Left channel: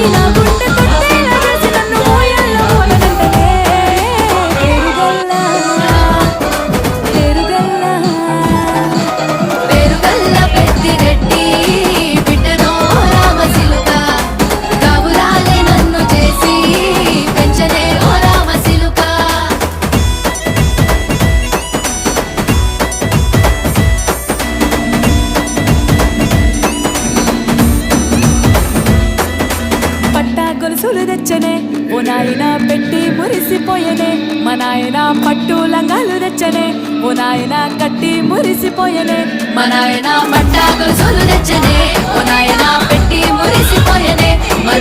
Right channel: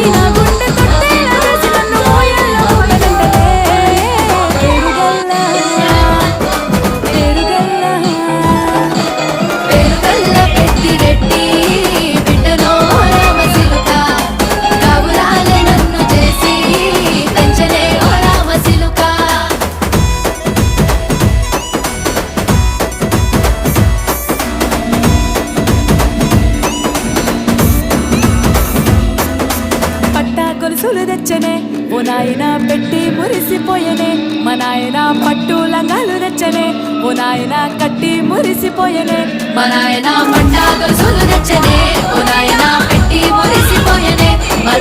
అమ్మాయి నా గుండె తొట్టేలా చేసి నన్ను ఊయల్లో ఊపెనంటనే పేరుగల్లా పేరుగల్లా పేరుగల్లా పెట్టి గట్టి బిడ్డనో రామసిలుక గావులాలే నన్ను చేసి పెంచనే ఓ రామసిలుక పట్టా గొలుసులు తెచ్చనే ఓ నాయన పెట్టి మురిసిపోయనే మా నాయన పట్టు లంగాలు తెచ్చనే ఓ నాయన కట్టి మురిసిపోయనే మా నాయన పట్టా గొలుసులు తెచ్చనే ఓ నాయన పెట్టి మురిసిపోయనే మా